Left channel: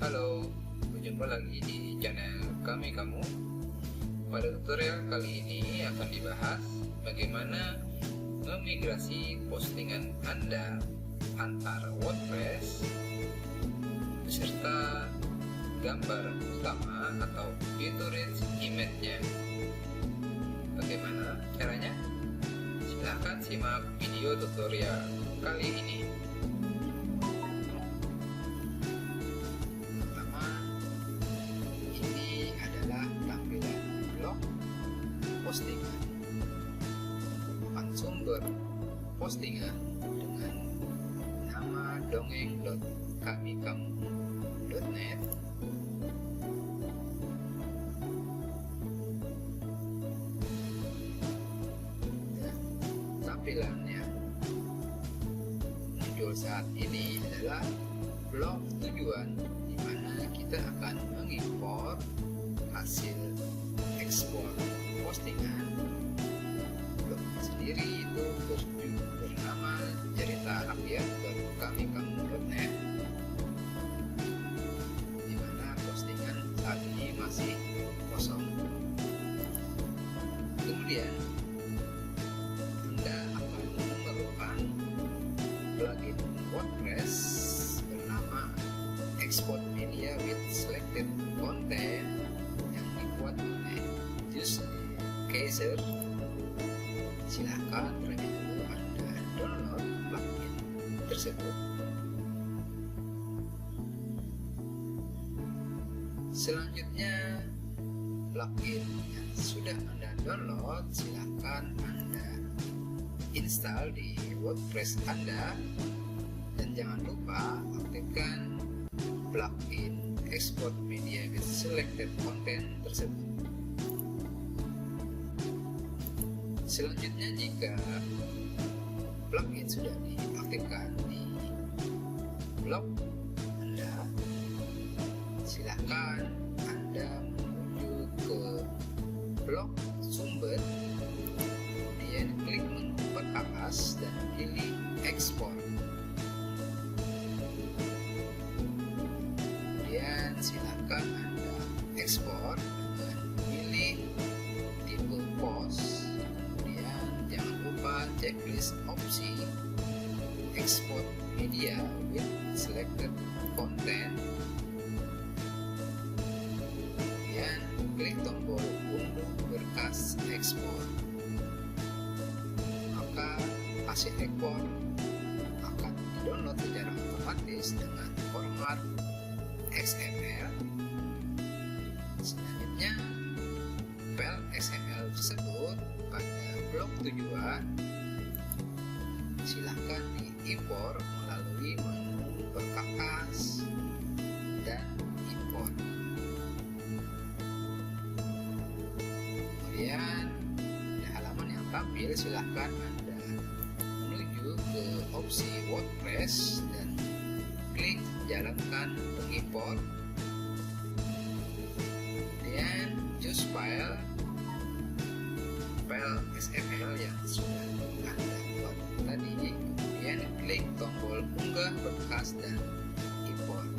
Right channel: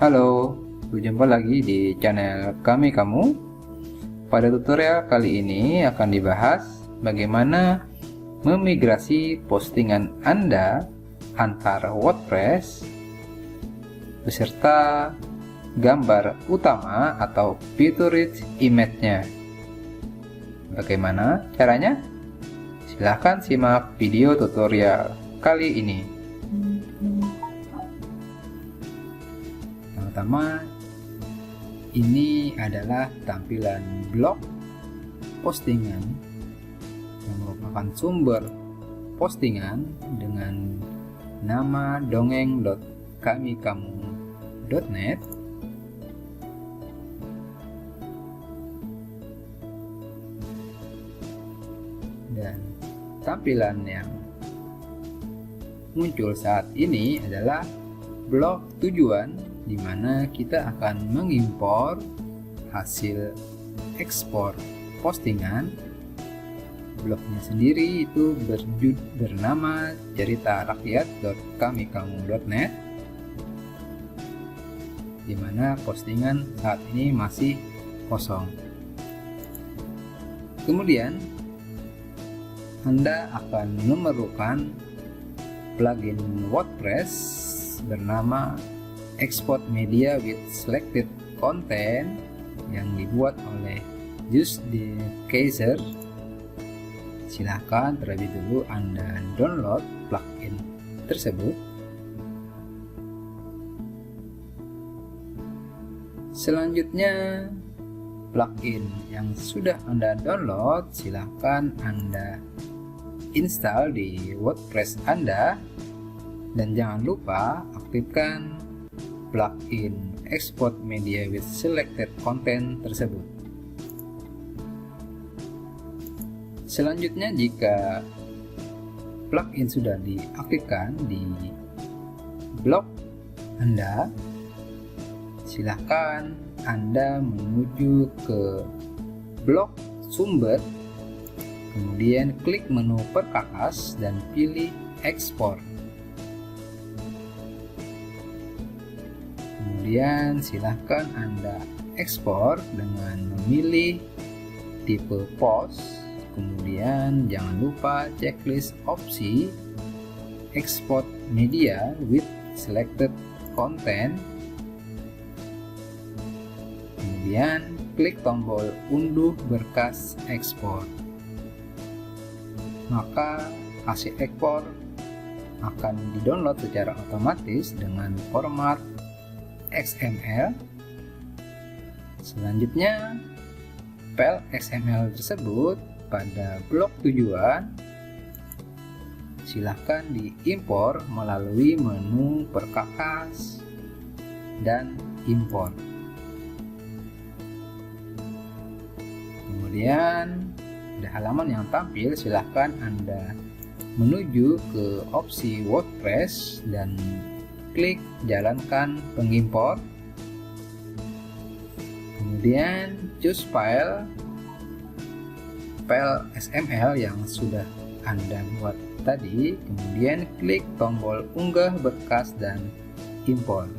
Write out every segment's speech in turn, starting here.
Halo, berjumpa lagi di channel kamu. Pada tutorial kali ini akan dibahas bagaimana memigrasi postingan Anda antara WordPress beserta gambar utama atau featured image-nya. Bagaimana caranya? Silahkan simak video tutorial kali ini. Pertama, ini adalah tampilan blog postingan yang merupakan sumber postingan dengan nama dongeng.kamikamu.net. Dan tampilan yang muncul saat ini adalah blog tujuan, di mana kita akan mengimpor hasil ekspor postingan. Blognya sendiri itu bernama ceritarakyat.kamikamu.net, di mana postingan saat ini masih kosong. Kemudian Anda akan memerlukan plugin WordPress bernama Export Media with Selected Content yang dibuat oleh Just the Kaiser. Silahkan terlebih dulu Anda download plugin tersebut. Selanjutnya, plugin yang sudah Anda download silahkan Anda install di WordPress Anda, dan jangan lupa aktifkan plugin Export Media with Selected Content tersebut. Selanjutnya, jika plugin sudah diaktifkan di blog Anda, silahkan Anda menuju ke blog sumber, kemudian klik menu perkakas dan pilih ekspor. Kemudian silahkan Anda ekspor dengan memilih tipe post. Kemudian jangan lupa checklist opsi export media with selected content. Kemudian klik tombol unduh berkas ekspor. Maka hasil ekspor akan didownload secara otomatis dengan format XML. Selanjutnya, file XML tersebut pada blog tujuan silahkan diimpor melalui menu perkakas dan impor. Kemudian pada halaman yang tampil silahkan Anda menuju ke opsi WordPress dan klik jalankan pengimpor. Kemudian choose file XML yang sudah Anda buat tadi. Kemudian klik tombol unggah berkas dan impor.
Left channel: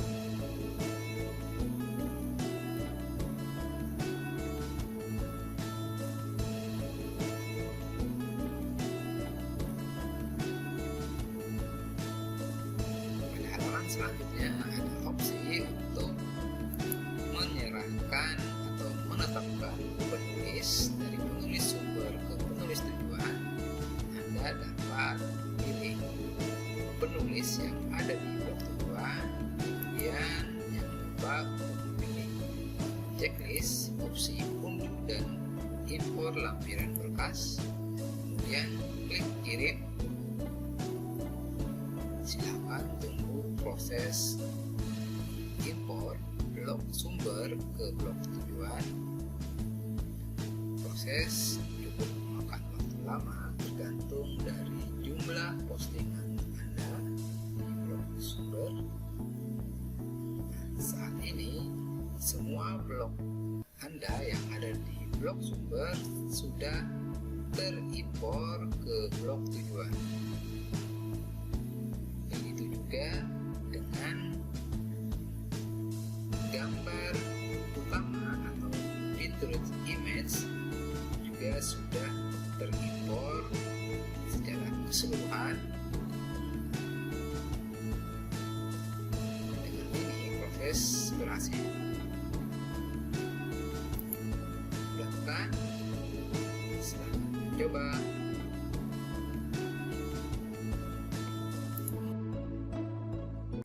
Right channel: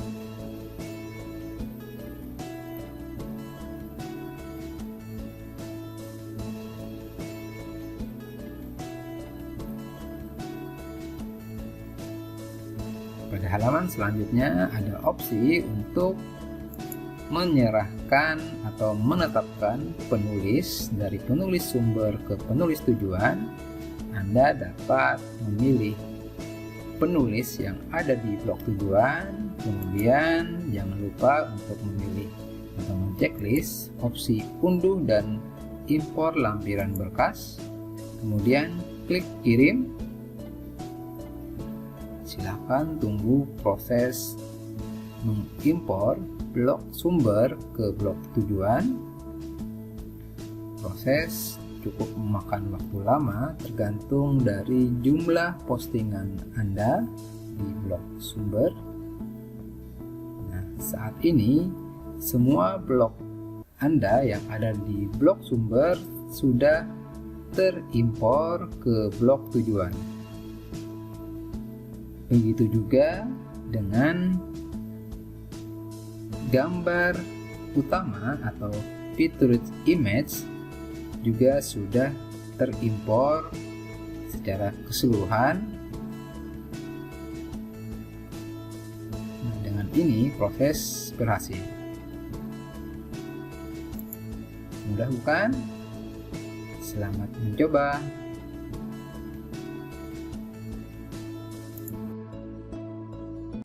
Halaman selanjutnya ada opsi untuk menyerahkan atau menetapkan penulis dari penulis sumber ke penulis tujuan. Anda dapat memilih penulis yang ada di blog tujuan. Kemudian jangan lupa untuk memilih atau checklist opsi unduh dan impor lampiran berkas. Kemudian klik kirim. Silakan tunggu proses mengimpor blok sumber ke blok tujuan. Proses cukup memakan waktu lama tergantung dari jumlah postingan Anda di blok sumber. Nah, saat ini semua blok Anda yang ada di blok sumber sudah terimpor ke blok tujuan. Begitu juga dengan gambar utama atau featured image juga sudah terimpor secara keseluruhan. Dengan ini proses berhasil. Mudah bukan? Selamat mencoba.